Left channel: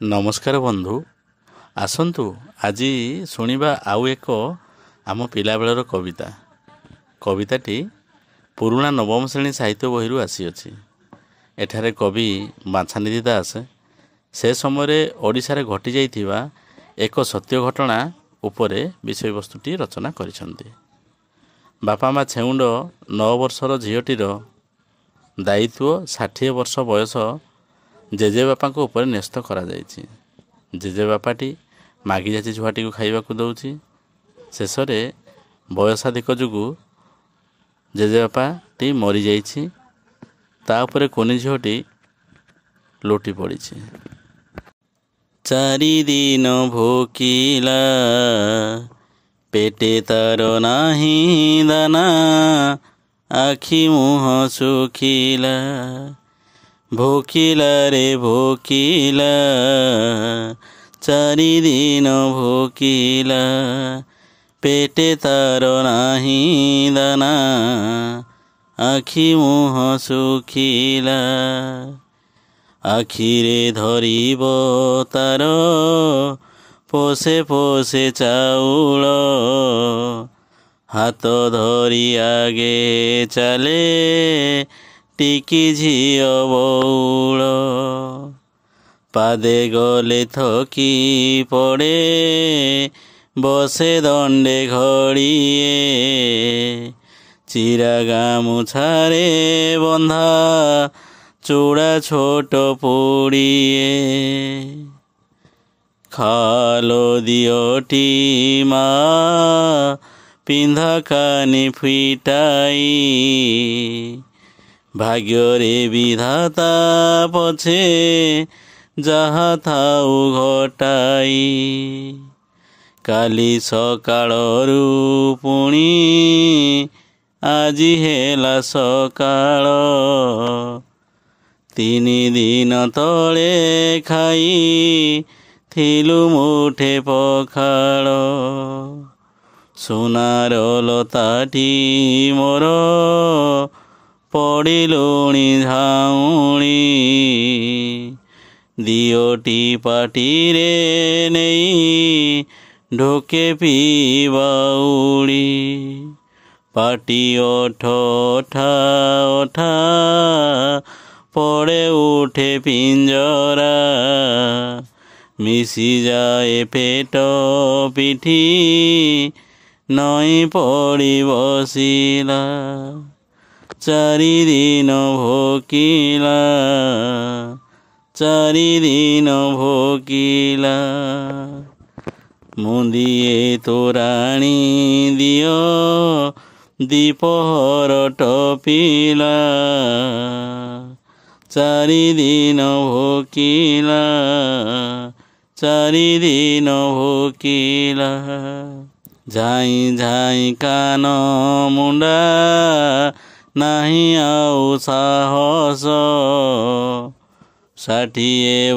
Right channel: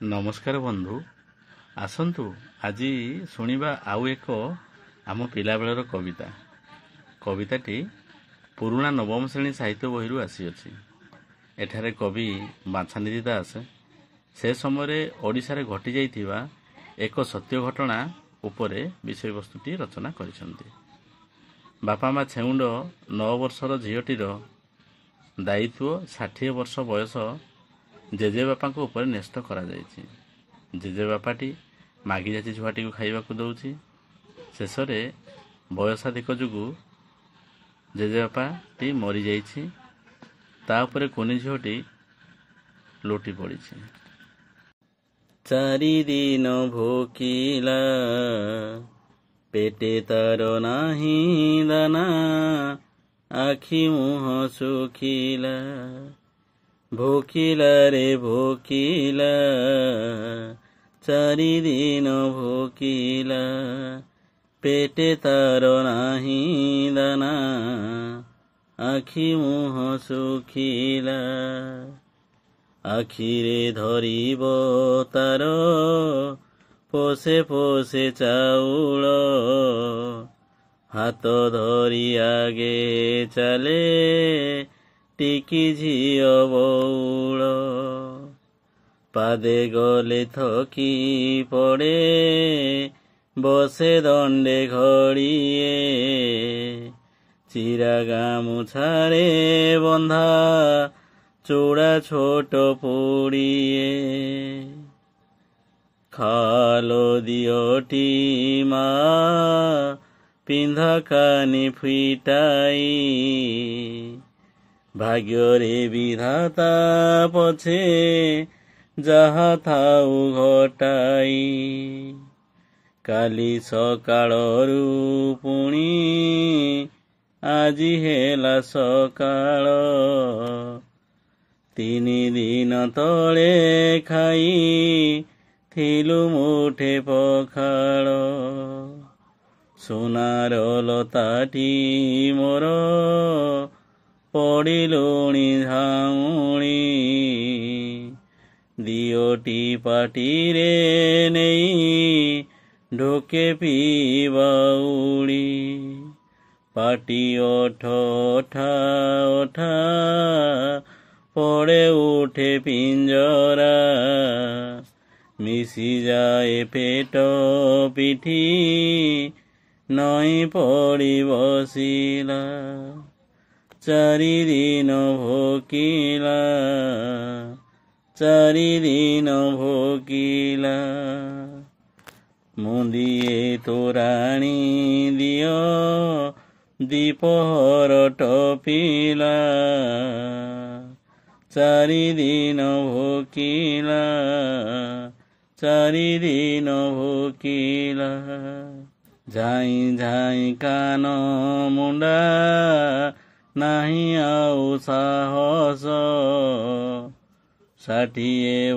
नमस्कार बंधु आसतु आज शुणा आउ एक आम पिलाबेलर कविताटी पुराणा नवम श्रेणी साहित्य बही आसी एठारे कवि बाछानिधि दास से समय ओडिशारे घटी जाइथिबा एक सत्य घटना उपरे विषय वस्तुटी रचना करिसंती। बापा माँ छेउंड 9 वर्षर झीटीर दायित्व 60 वर्ष बयस जेजेबापा उपर न्यस्त करा जाइछि। जेजेबापाटी मागी जाची छुआटी को खाइबाकू दउछि। शेषरे बयसाधिक जुगु जेजेबापाटी मरी जाइछि। ता उपरे कोनी झीटी लोटी पड़िछि। चारि दिन भोकिला पेटे तार नाही दाना आखि मुह सुखिला भोकिला रे भोकिला चारि दिन भोकिला पेटे तार नाही दाना आखि मुह सुखिला आखिरे धरिब तार पोसे पोसे चाउल हाथ धरी आगे चले टिकी झियो बौल पादे गले थकी पड़े बसे दंडे घड़िए चिरा गामुछारे बंधा चूड़ा छोट पोड़िए खालो दियोटी माँ पिंधा कानी फिटाई भाग्यरे विधाता पछे जहा थाउ घटाई काली सकाळरू पुणी आजी हेला सकाळ 3 दिन तले खाई थिलु मुठे पखाळ सोनार लताटी मोर पड़िलुणी झाउणी दियोटी पाटीरे नहीं ढोके पीबाउड़ी पाटी ओठा ओठा पड़े उठे पिंजरा मिसी जाए पेट पिठी नई पड़ी बसिला चारि दिन भोकिला चारि दिन भोकिला मुंदिए तोराणी दियो दीपहर टपिला चारि दिन भोकिला चारि दिन भोकिला झाई झाई कान मुंडा नाही आउ साहस 60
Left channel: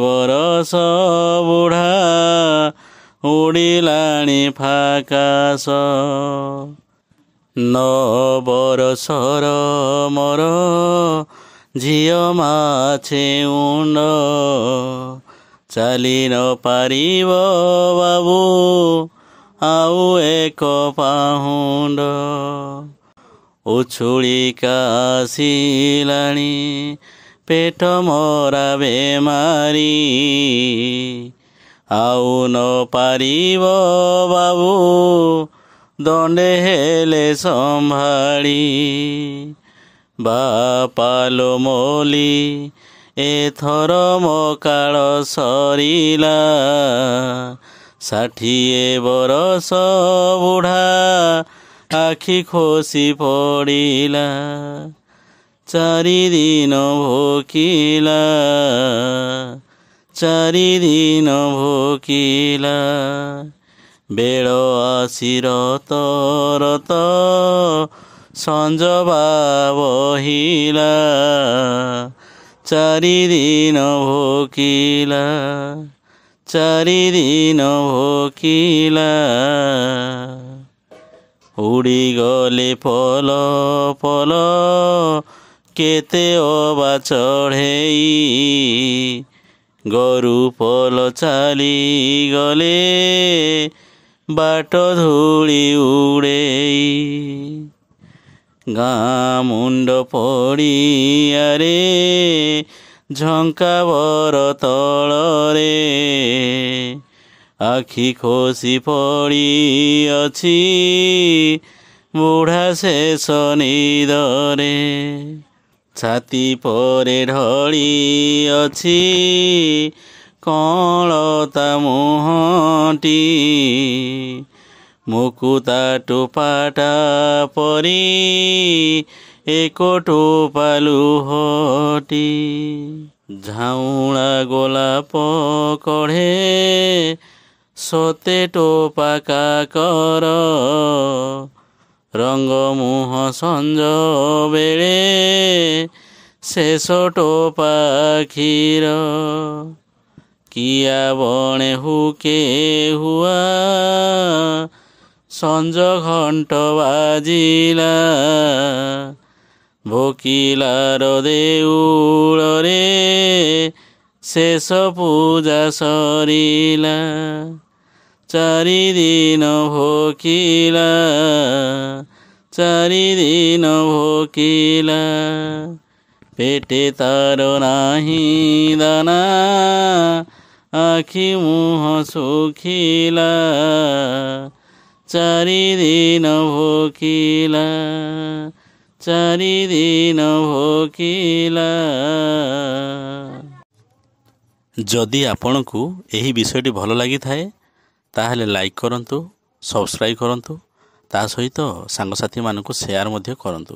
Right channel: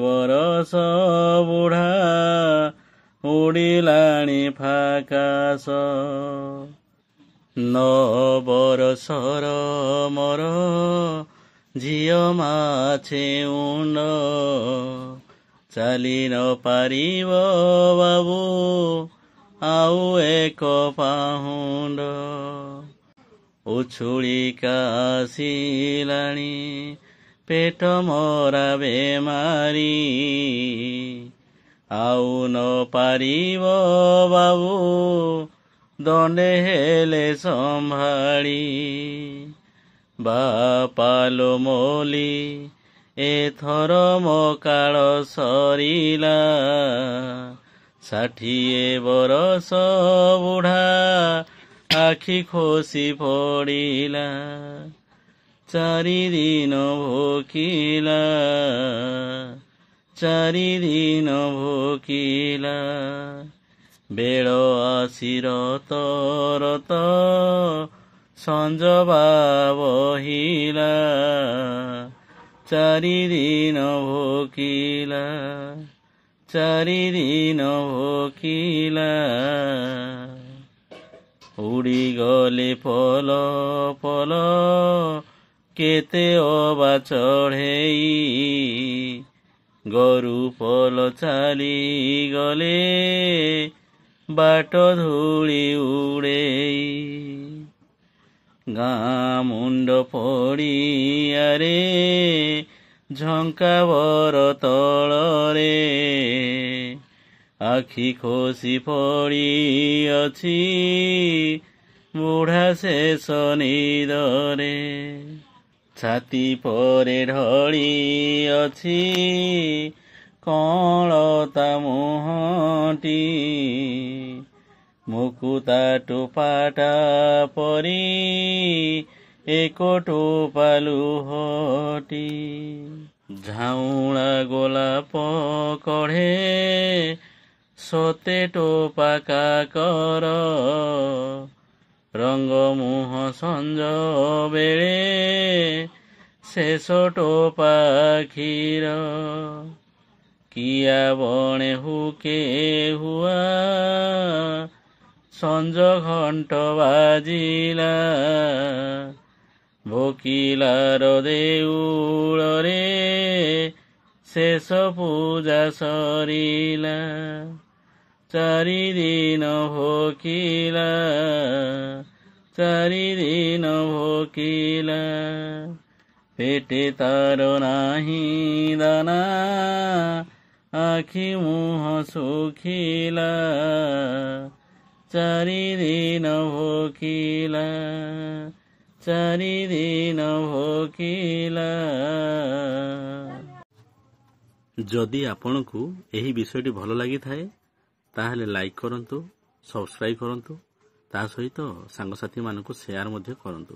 बरस बुढ़ा उड़िलाणी फाकास 9 बरसर मोर झियो माछे उंड चाली न पारिब बाबू आउ एक पाहुंड उछुलिका आसिलाणी पेट मोरा बेमारी आउ न पारिब बाबू दंडे हेले संभाड़ी बापालो मोली एथर मो काल सरिला 60 बरस बुढ़ा आखि खोसी पड़िला चारि दिन भोकिला चारि दिन भोकिला बेल आसी रत रत संजबा बहिला चारि दिन भोकिला चारि दिन भोकिला उड़ी गले पल पल केते अबा चढ़ेई ଗୋରୁ ପଲ ଚାଲିଗଲେ ବାଟ ଧୂଳି ଉଡ଼େଇ। ଗାଁ ମୁଣ୍ଡ ପଡ଼ିଆରେ ଝଙ୍କା ବର ତଳରେ ଆଖି ଖୋସି ପଡ଼ିଅଛି ବୁଢ଼ା ଶେଷ ନିଦରେ। ଛାତି ପରେ ଢଳି ଅଛି କଅଁଳତା ମୁହଁଟି, ମୁକୁତା ଟୋପାଟା ପରି ଏକ ଟୋପା ଲୁହଟି। ଝାଉଁଳା ଗୋଲାପ କଢ଼େ ସତେ ଟୋପା କାକର, ରଙ୍ଗ ମୁହଁ ସଞ୍ଜ ବେଳେ ଶେଷ ଟୋପା କ୍ଷୀର। କିଆ ବଣେ ହୁକେ ହୁଆ ସଞ୍ଜ ଘଣ୍ଟ ବାଜିଲା, ଭୋକିଲାର ଦେଉଳରେ ଶେଷ ପୂଜା ସରିଲା। ଚାରିଦିନ ଭୋକିଲା, ଚାରିଦିନ ଭୋକିଲା, ପେଟେ ତାର ନାହିଁ ଦାନା, ଆଖି ମୁହଁ ଶୁଖିଲା। ଚାରିଦିନ ଭୋକିଲା, ଚାରିଦିନ ଭୋକିଲା। ଯଦି ଆପଣଙ୍କୁ ଏହି ବିଷୟଟି ଭଲ ଲାଗିଥାଏ ତାହେଲେ ଲାଇକ୍ କରନ୍ତୁ, ସବସ୍କ୍ରାଇବ୍ କରନ୍ତୁ, ତା ସହିତ ସାଙ୍ଗସାଥିମାନଙ୍କୁ ସେୟାର ମଧ୍ୟ କରନ୍ତୁ।